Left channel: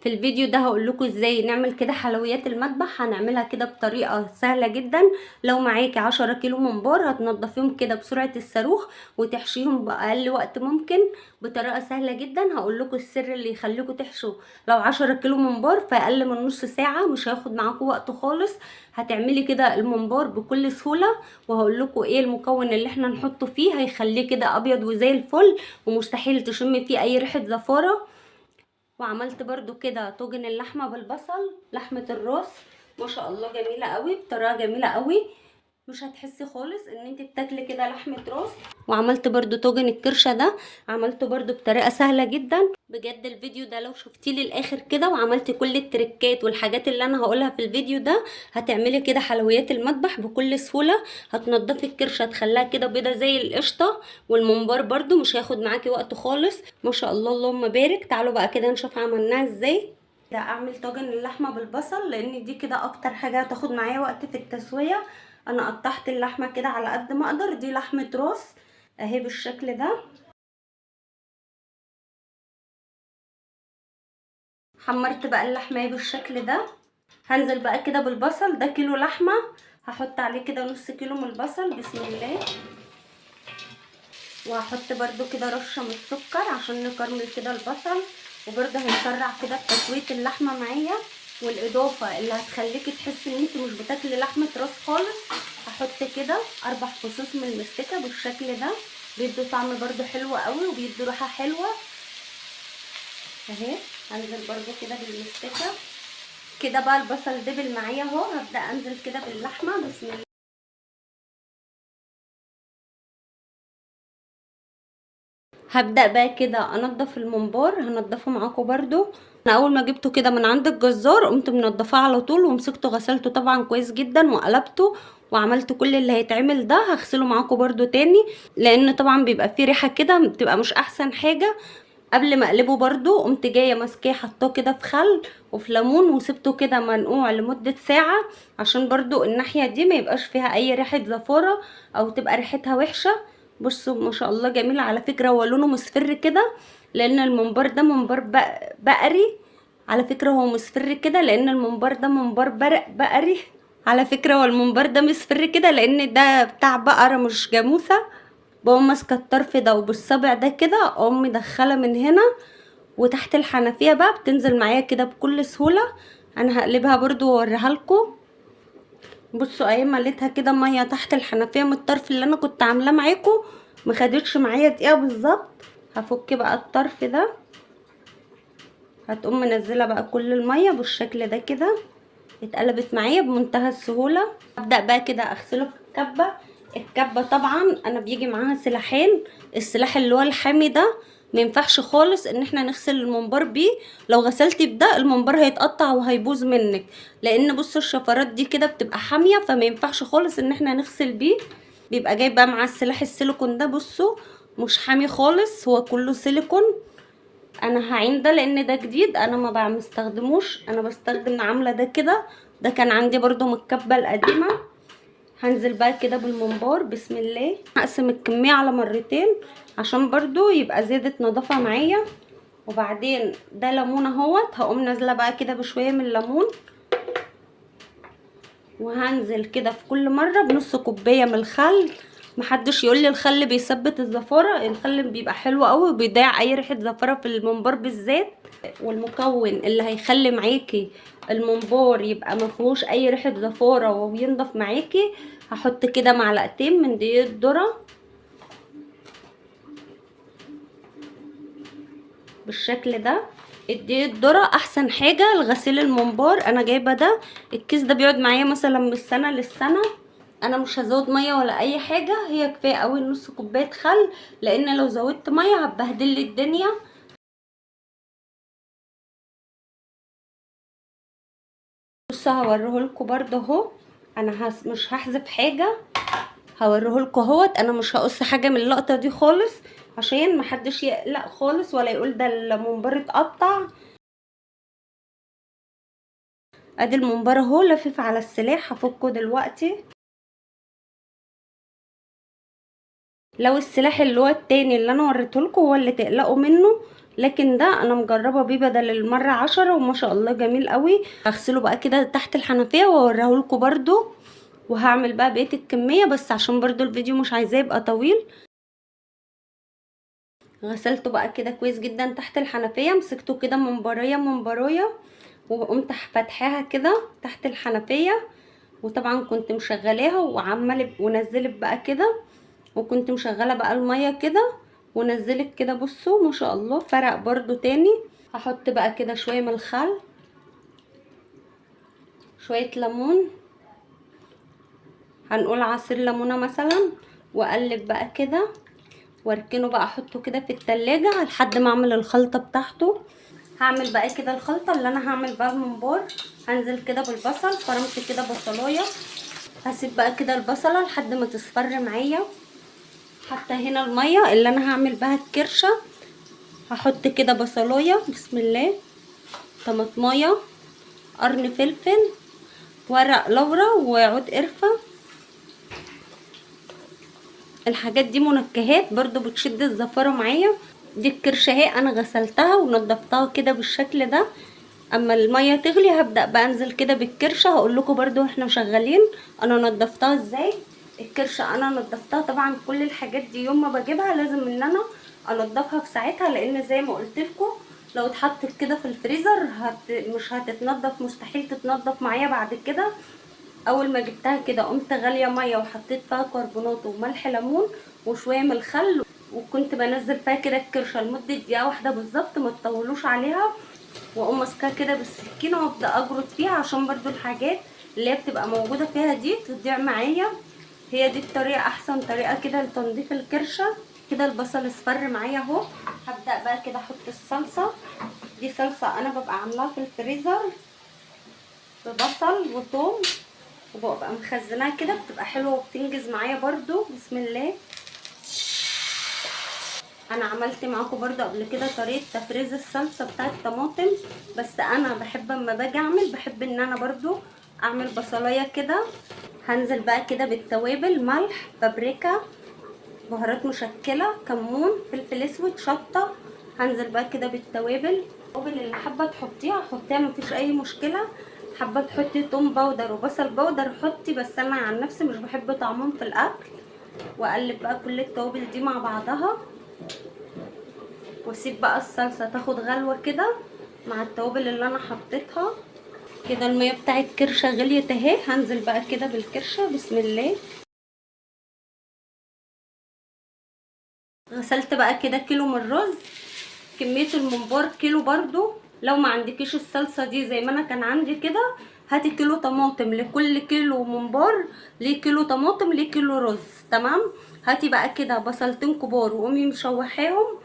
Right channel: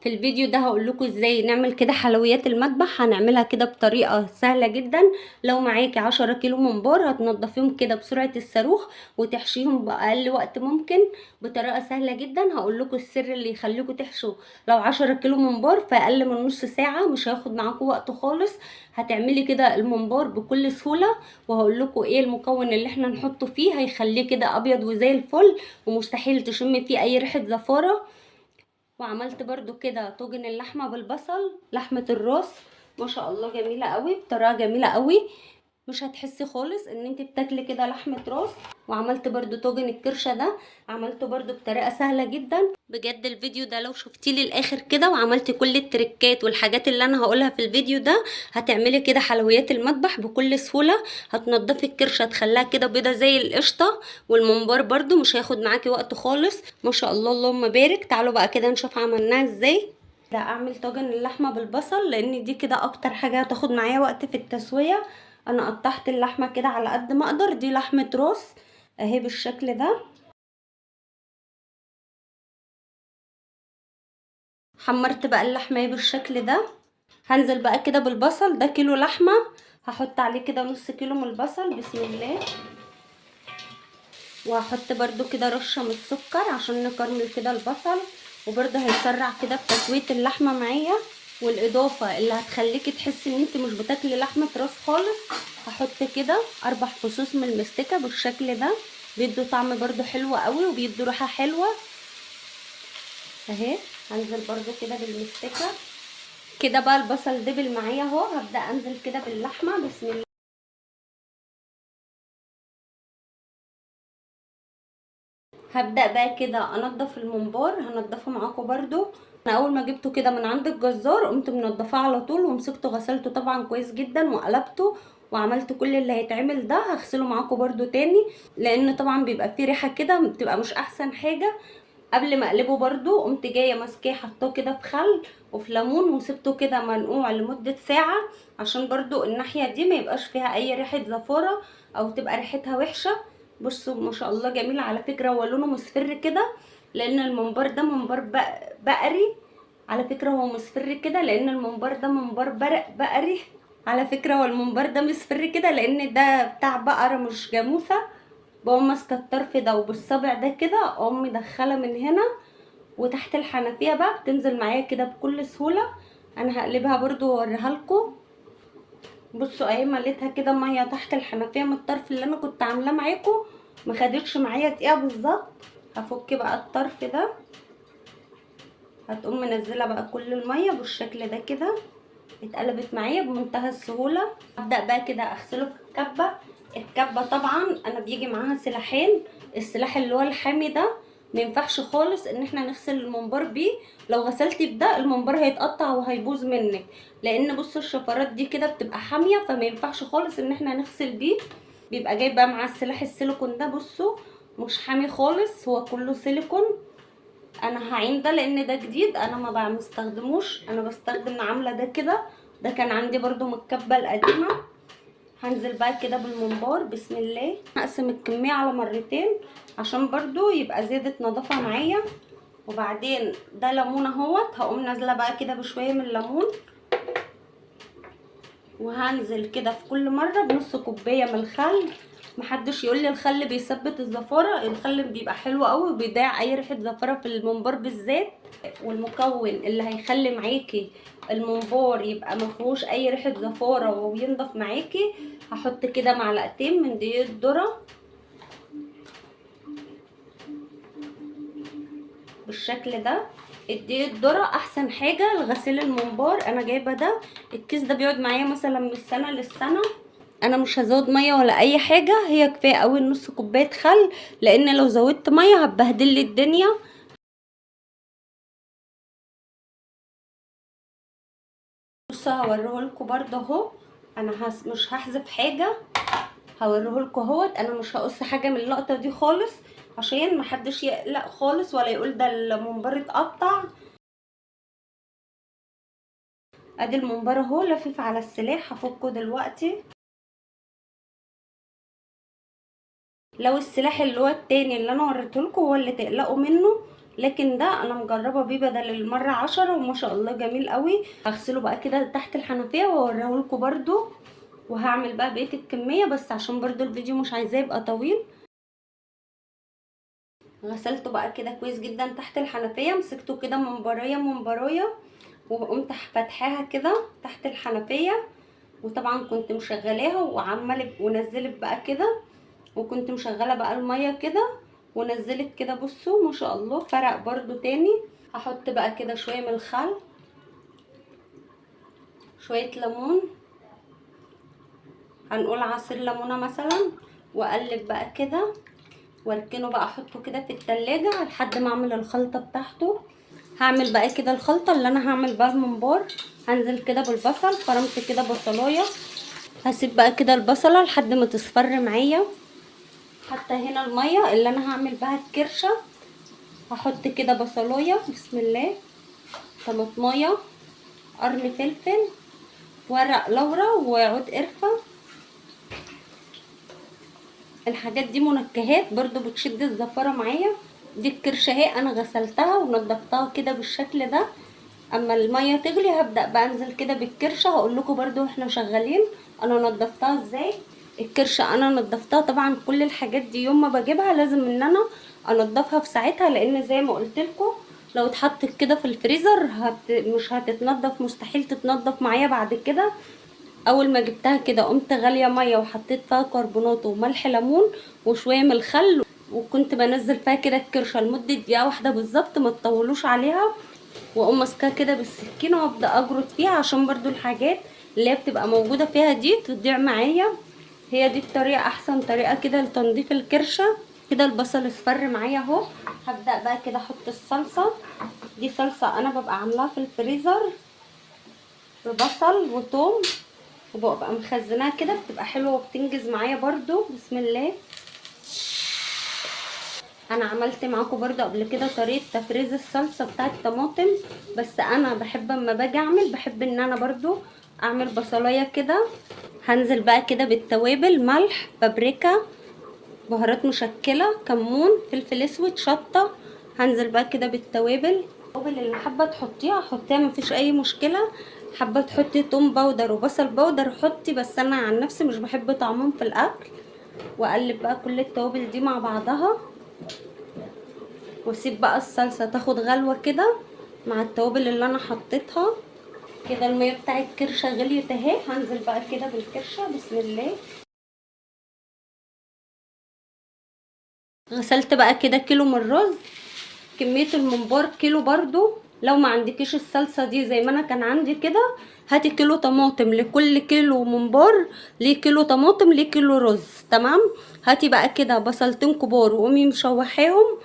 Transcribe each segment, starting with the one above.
في الفيديو ده هقول لكم ازاي نعمل كده حلويات المذبح. هنعملها كده بطريقه سهله جدا. لو معاكي 10 كيلو ممبار هتنضفيهم كده بسرعه الصاروخ وتحشيهم باقل وقت ممكن بطريقه سهله جدا. هقول لكم السر اللي يخليكم تحشوا لو 10 كيلو ممبار في اقل من نص ساعه، مش هياخد معاكم وقت خالص. هتعملي كده الممبار بكل سهوله. وهقول لكم ايه المكون اللي احنا نحطه فيه هيخليه كده ابيض وزي الفل، ومستحيل تشمي فيه اي ريحه زفاره. وعملت برضو كده طاجن اللحمه بالبصل، لحمه الراس ما شاء الله جميله قوي، بطريقه جميله قوي، مش هتحسي خالص ان انت بتاكلي كده لحمه راس. وعملت برضو طاجن الكرشه ده، عملته برضو بطريقه سهله جدا. بجد الفيديو ده لو شفتيه للاخر كده وعملتي كل التريكات والحاجات اللي انا هقولها في الفيديو ده، هتعملي كده حلويات المطبخ بكل سهوله. هتنضفي الكرشه تخليها كده بيضه زي القشطه، والممبار برضو مش هياخد معاكي وقت خالص ما شاء الله اللهم بارك. تعالوا بقى كده نشوف عملناها ازاي. ده اعمل طاجن اللحمه بالبصل لان دي كده اكتر حاجه هتاخد معايا وقت في التسويه. انا قطعت اللحمه كده على قد ما اقدر، دي لحمه راس اهي بالشكل ده. حمرت بقى اللحمه بالشكل ده. هنزل بقى كده بالبصل، ده كيلو لحمه، هحط عليه كده نص كيلو من البصل بسم الله. وهحط برده كده رشه من السكر عشان نكرمل كده البصل، وبرده هيسرع كده في تسويه اللحمه معايا. والاضافه اللي هتخليكي تحسي ان انت مش بتاكلي لحمه راس خالص، هحط كده 4 فصوص من المستكه بالشكل ده، بيدوا طعم برده حلو قوي وبيدوا ريحه حلوه اهي. هنزل برده كده بالمستكه كده بقى. البصل دبل معايا اهو، هبدا انزل كده باللحمه بسم الله. هبدأ بقى كده انضف الممبار، هنضفه معاكم برضو. انا اول ما جبته كده من عند الجزار قمت منضفاه على طول ومسكته غسلته طبعا كويس جدا وقلبته وعملت كل اللي هيتعمل ده. هغسله معاكم برضو تاني لان طبعا بيبقى فيه ريحه كده بتبقى مش احسن حاجه. قبل ما اقلبه برضو قمت جايه ماسكاه حطاه كده في خل وفي ليمون وسبته كده منقوع لمده ساعه، عشان برضو الناحيه دي ما يبقاش فيها اي ريحه زفاره او تبقى ريحتها وحشه. بصوا ما شاء الله جميل على فكره، هو لونه مصفر كده لان الممبار ده ممبار بقري. على فكره هو مصفر كده لان الممبار ده ممبار بقري. على فكره هو الممبار ده مصفر كده لان ده بتاع بقره مش جاموسه. بقوم ماسكه الطرف ده وبالصبع ده كده اقوم مدخله من هنا وتحت الحنفيه بقى بتنزل معايا كده بكل سهوله. انا هقلبها برضو واوريها لكم. بصوا اهي مليتها كده ميه تحت الحنفيه من الطرف اللي انا كنت عاملاه معاكم، ما خدتش معايا دقيقه بالظبط. هفك بقى الطرف ده، هتقوم منزله بقى كل الميه بالشكل ده كده، اتقلبت معايا بمنتهى السهوله. ابدا بقى كده اغسله في الكبه. الكبه طبعا انا بيجي معاها سلاحين، السلاح اللي هو الحامي ده ما ينفعش خالص ان احنا نغسل الممبار بيه. لو غسلتي بده الممبار هيتقطع وهيبوظ منك، لان بصوا الشفرات دي كده بتبقى حاميه فما ينفعش خالص ان احنا نغسل بيه. بيبقى جاي بقى مع السلاح السيليكون ده، بصوا مش حامي خالص، هو كله سيليكون. انا هعين ده لان ده جديد انا ما بستخدموش، انا بستخدم عامله ده كده، ده كان عندي برضو من الكبه القديمه. هنزل بقى كده بالممبار بسم الله. هقسم الكميه على مرتين عشان برضو يبقى زيادة نظافه معايا. وبعدين ده ليمون اهوت، هقوم نازله بقى كده بشويه من الليمون. وهنزل كده في كل مره بنص كوبايه من الخل. محدش يقول لي الخل بيثبت الزفاره، الخل بيبقى حلو قوي وبيضيع اي ريحه زفاره في الممبار بالذات. والمكون اللي هيخلي معاكي الممبار يبقى مفيهوش اي ريحه زفاره وينضف معاكي، هحط كده معلقتين من دقيق الذره بالشكل ده. الدقيق الذره احسن حاجه لغسيل الممبار، انا جايبه ده الكيس ده بيقعد معايا مثلا من السنه للسنه. انا مش هزود ميه ولا اي حاجه، هي كفايه قوي نص كوبايه خل، لان لو زودت ميه هتبهدل لي الدنيا. بصوا هوريهولكوا برده اهو. انا مش هحذف حاجه، هوريهولكوا اهوت. انا مش هقص حاجه من اللقطه دي خالص عشان محدش يقلق خالص ولا يقول ده الممبار اتقطع. ادي الممبار اهو لفيف على السلاح، هفكه دلوقتي. لو السلاح اللي هو التاني اللي انا وريتهولكوا هو اللي تقلقوا منه، لكن ده انا مجربه بيه بدل المره 10 وما شاء الله جميل قوي. هغسله بقى كده تحت الحنفيه واوريهولكوا برضو، وهعمل بقى بقيه الكميه، بس عشان برضو الفيديو مش عايزاه يبقى طويل. غسلته بقى كده كويس جدا تحت الحنفيه، مسكته كده من برايه من برايه، وقمت فاتحاها كده تحت الحنفيه، وطبعا كنت مشغلاها وعماله ونزلت بقى كده، وكنت مشغله بقى الميه كده ونزلت كده. بصوا ما شاء الله فرق برضو تاني. هحط بقى كده شويه من الخل، شويه ليمون، هنقول عصير ليمونه مثلا، واقلب بقى كده واركنه بقى، احطه كده في التلاجة لحد ما اعمل الخلطه بتاعته. هعمل بقى كده الخلطه اللي انا هعمل بقى الممبار. هنزل كده بالبصل، فرمت كده بصلايه، هسيب بقى كده البصله لحد ما تصفر معايا. حتى هنا الميه اللي انا هعمل بها الكرشه، هحط كده بصلايه بسم الله، طماطمايه، قرن فلفل، ورق لورا، وعود قرفه. الحاجات دي منكهات برضو بتشد الزفاره معايا. دي الكرشه اهي انا غسلتها ونضفتها كده بالشكل ده. اما الميه تغلي هبدا بقى انزل كده بالكرشه، هقول لكم برضو احنا شغالين انا نضفتها ازاي. الكرشه انا نضفتها طبعا، كل الحاجات دي يوم ما بجيبها لازم ان انا انضفها في ساعتها، لان زي ما قلت لكم لو اتحطت كده في الفريزر مش هتتنضف، مستحيل تتنضف معايا بعد كده. اول ما جبتها كده قمت غاليه ميه وحطيت فيها كربونات وملح ليمون وشويه من الخل، وكنت بنزل فيها كده الكرشه لمده دقيقه واحده بالظبط، ما تطولوش عليها، واقوم ماسكاها كده بالسكينه وابدا اجرد فيها عشان برضو الحاجات اللي هي بتبقى موجوده فيها دي تضيع معايا. هي دي الطريقه، احسن طريقه كده لتنظيف الكرشه. كده البصل اصفر معايا اهو. هبدا بقى كده احط الصلصه. دي صلصه انا ببقى عاملاها في الفريزر ببصل وثوم، وببقى مخزناها كده، بتبقى حلوه وبتنجز معايا برضو. بسم الله. انا عملت معاكم برضو قبل كده طريقه تفريز الصلصه بتاعه الطماطم، بس انا بحب اما باجي اعمل بحب ان انا برضو اعمل بصلايه كده. هنزل بقى كده بالتوابل، ملح، بابريكا، بهارات مشكله، كمون، فلفل اسود، شطه. هنزل بقى كده بالتوابل. التوابل اللي حابه تحطيها حطيها مفيش اي مشكله، حابه تحطي توم باودر وبصل باودر حطي، بس انا عن نفسي مش بحب طعمهم في الاكل. واقلب بقى كل التوابل دي مع بعضها، واسيب بقى الصلصه تاخد غلوه كده مع التوابل اللي انا حطيتها. كده الميه بتاع الكرشه غليت اهي، هنزل بقى كده بالكرشه بسم الله. غسلت بقى كده كيلو من الرز. كميه الممبار كيلو برضو. لو ما عندكيش الصلصه دي زي ما انا كان عندي كده، هاتي كيلو طماطم، لكل كيلو ممبار ليه كيلو طماطم ليه كيلو رز، تمام. هاتي بقى كده بصلتين كبار وقومي مشوحاهم،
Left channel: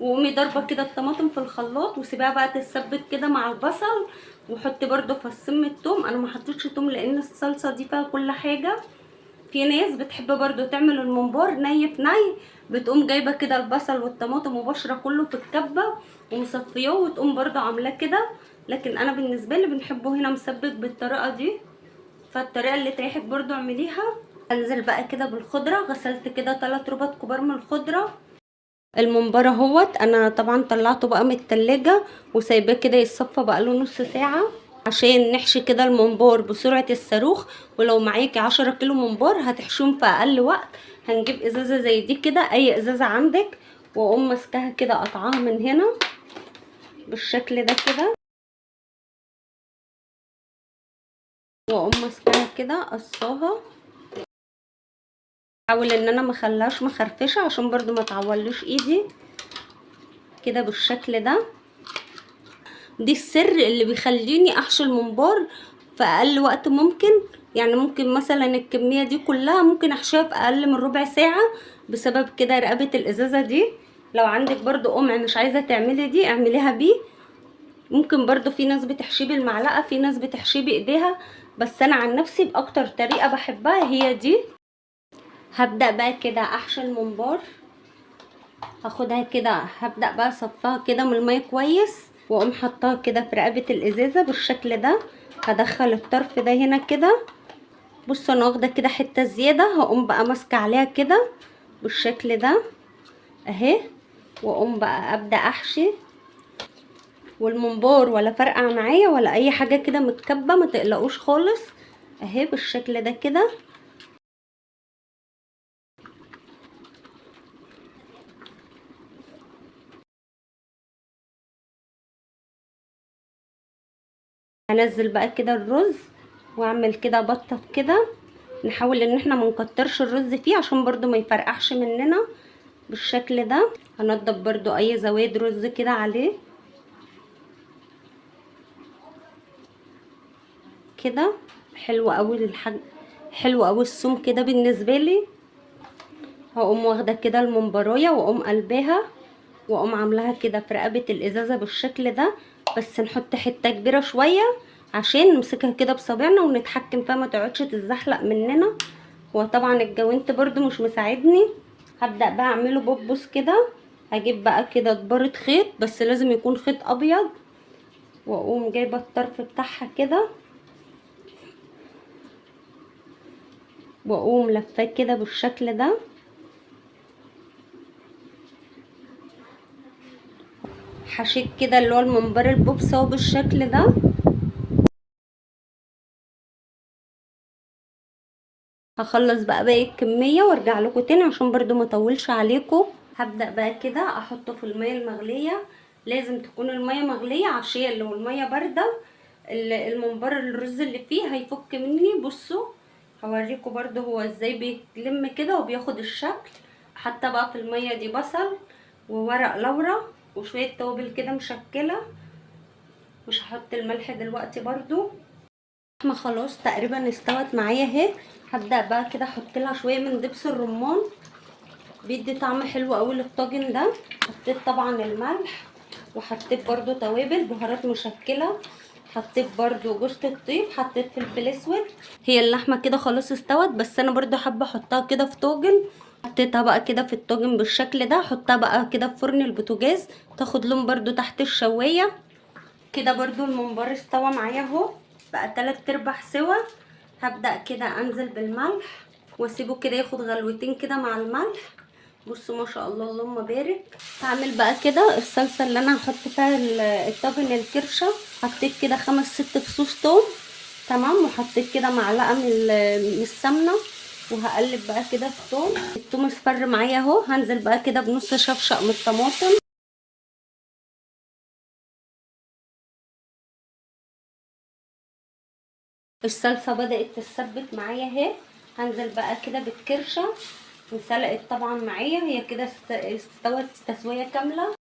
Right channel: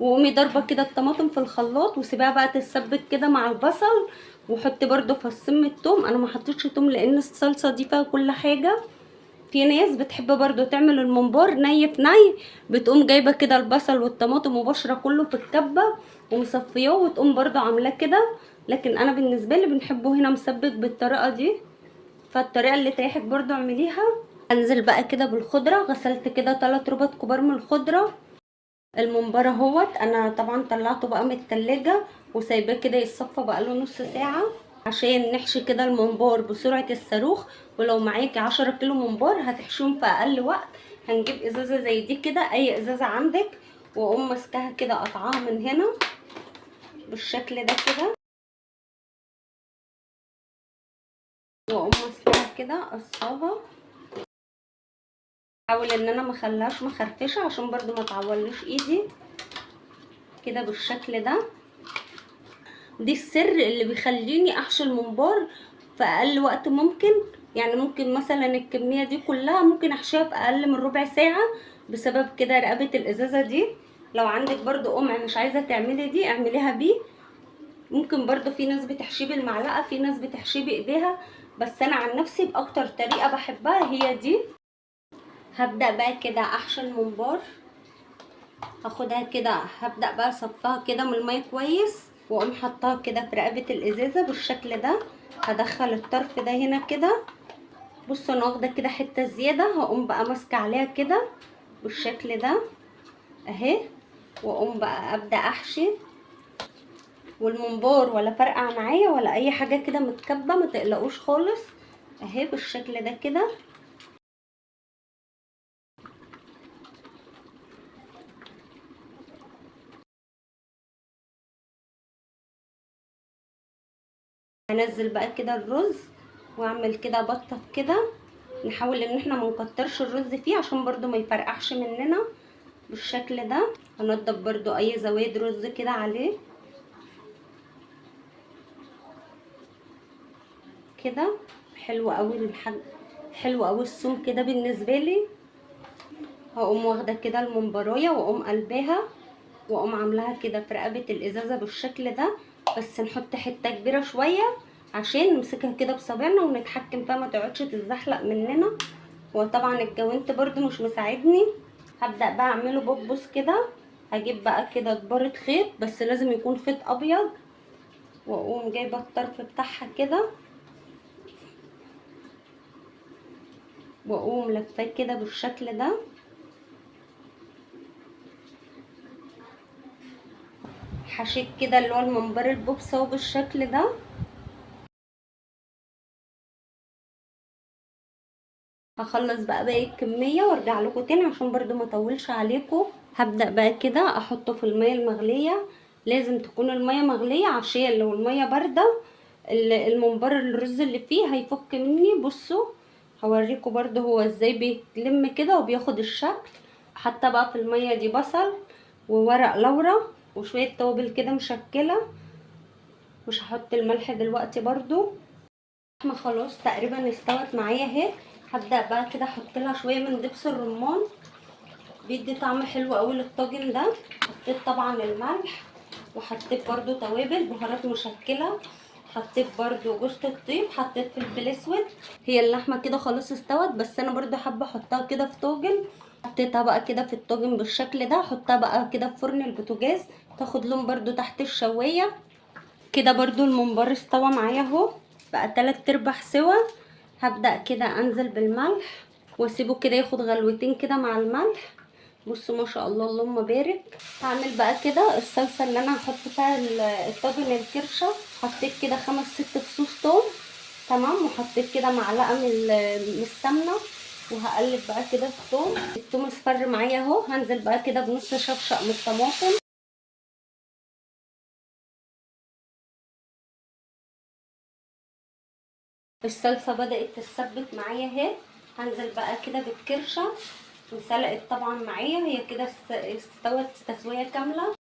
وقومي ضربه كده الطماطم في الخلاط وسيبها بقى تتسبك كده مع البصل. وحطي برضو فصين من التوم، انا ما حطيتش توم لان الصلصه دي فيها كل حاجه. في ناس بتحب برضو تعمل الممبار ني في ني، بتقوم جايبه كده البصل والطماطم وبشره كله في الكبه ومصفياه وتقوم برضو عاملاه كده، لكن انا بالنسبه لي بنحبه هنا مسبك بالطريقه دي، فالطريقه اللي تريحك برضو اعمليها. انزل بقى كده بالخضره. غسلت كده 3 ربط كبار من الخضره. الممبار اهوت انا طبعا طلعته بقى من التلاجة وسايباه كده يتصفى بقى له نص ساعه عشان نحشي كده الممبار بسرعه الصاروخ. ولو معاكي 10 كيلو ممبار هتحشيهم في اقل وقت. هنجيب ازازه زي دي كده، اي ازازه عندك، واقوم ماسكاها كده قطعاها من هنا بالشكل ده كده، واقوم ماسكاها كده قصاها. احاول ان انا مخليهاش مخرفشه عشان برضو ما تعولش ايدي كده بالشكل ده. دي السر اللي بيخليني احشي الممبار في اقل وقت ممكن. يعني ممكن مثلا الكميه دي كلها ممكن احشيها في اقل من ربع ساعه، بسبب كده رقبه الازازه دي. لو عندك برضو قمع مش عايزه تعملي دي اعمليها بيه. ممكن برضو في ناس بتحشيه بالمعلقه، في ناس بتحشيه بايديها، بس انا عن نفسي باكتر طريقه بحبها هي دي. هبدا بقى كده احشي الممبار. هاخدها كده، هبدا بقى اصفيها كده من الميه كويس، واقوم حطاها كده في رقبه الازازه بالشكل ده. هدخل الطرف ده هنا كده. بصوا انا واخده كده حته زياده، هقوم بقى ماسكه عليها كده بالشكل ده اهي، واقوم بقى ابدا احشي والممبار ولا فرقع معايا ولا اي حاجه كده متكبه، ما تقلقوش خالص. اهي بالشكل ده كده. هنزل بقى كده الرز واعمل كده بطه كده. نحاول ان احنا ما نكترش الرز فيه عشان برضو ما يفرقعش مننا. بالشكل ده هنضف برضو اي زوايد رز كده عليه كده. حلو قوي حلو قوي السوم كده بالنسبه لي. هقوم واخده كده الممبرايه واقوم قلباها واقوم عاملاها كده في رقبه الازازه بالشكل ده. بس نحط حته كبيره شويه عشان نمسكها كده بصابعنا ونتحكم فيها ما تقعدش تتزحلق مننا. وطبعا الجوانت برضو مش مساعدني. هبدا بقى اعمله بوبوس كده. هجيب بقى كده دبارة خيط بس لازم يكون خيط ابيض، واقوم جايبه الطرف بتاعها كده واقوم لفاه كده بالشكل ده. حشيت كده اللي هو الممبار البوبس اهو بالشكل ده. هخلص بقى باقي الكميه وارجع لكم تاني عشان برضو ما اطولش عليكم. هبدا بقى كده احطه في الميه المغليه. لازم تكون الميه مغليه عشان لو الميه بارده الممبار الرز اللي فيه هيفك مني. بصوا هوريكم برضو هو ازاي بيتلم كده وبياخد الشكل. حتى بقى في الميه دي بصل وورق لورا وشويه توابل كده مشكله. مش هحط الملح دلوقتي برضو. احنا خلاص تقريبا استوت معايا اهي. هبدا بقى كده احط لها شويه من دبس الرمان، بيدي طعم حلو قوي للطاجن ده. حطيت طبعا الملح وحطيت برضو توابل بهارات مشكله. حطيت برضو جوز الطيب، حطيت فلفل اسود. هي اللحمه كده خلاص استوت بس انا برضو حابه احطها كده في طاجن. حطيتها بقى كده في الطاجن بالشكل ده. احطها بقى كده في فرن البوتاجاز تاخد لون برضو تحت الشوايه كده. برضو الممبار استوى معايا اهو بقى 3/4 سوا. هبدأ كده انزل بالملح واسيبه كده ياخد غلوتين كده مع الملح. بصوا ما شاء الله اللهم بارك. هعمل بقى كده الصلصه اللي انا هحط فيها الطاجن الكرشه. حطيت كده 5 6 فصوص توم تمام، وحطيت كده معلقه من السمنه. وهقلب بقى كده التوم اصفر معايا اهو. هنزل بقى كده بنص شفشق من الطماطم. الصلصه بدات تتسبك معايا اهي. هنزل بقى كده بالكرشه وسلقت طبعا معايا. هي كده استوت تسويه كامله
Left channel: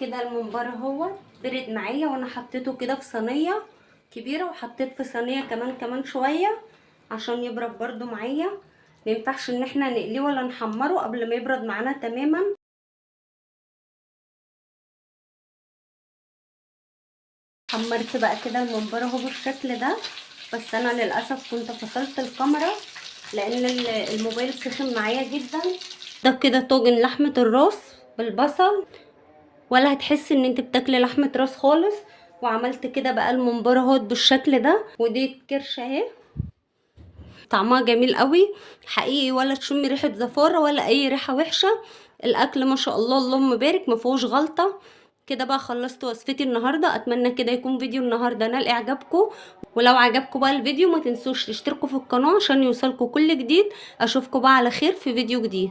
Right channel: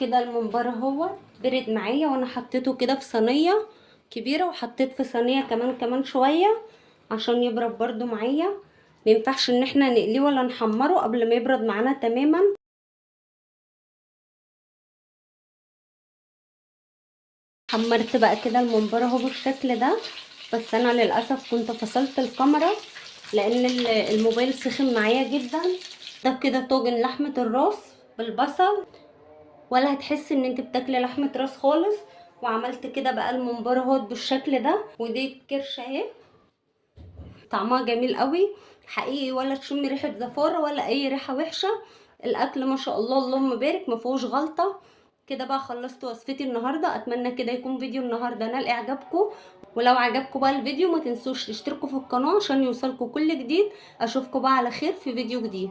كده. الممبار اهو برد معايا وانا حطيته كده في صينيه كبيره، وحطيت في صينيه كمان شويه عشان يبرد برده معايا. ما ينفعش ان احنا نقليه ولا نحمره قبل ما يبرد معانا تماما. حمرت بقى كده الممبار اهو بالشكل ده. بس انا للاسف كنت فصلت الكاميرا لان الموبايل سخن معايا جدا. ده كده طاجن لحمه الراس بالبصل، ولا هتحسي ان انت بتاكلي لحمه راس خالص. وعملت كده بقى الممبار اهو بالشكل ده. ودي الكرشه اهي طعمها جميل قوي حقيقي، ولا تشمي ريحه زفاره ولا اي ريحه وحشه. الاكل ما شاء الله اللهم بارك ما فيهوش غلطه. كده بقى خلصت وصفتي النهارده. اتمنى كده يكون فيديو النهارده نال اعجابكم. ولو عجبكم بقى الفيديو ما تنسوش تشتركوا في القناه عشان يوصلكوا كل جديد. اشوفكم بقى على خير في فيديو جديد.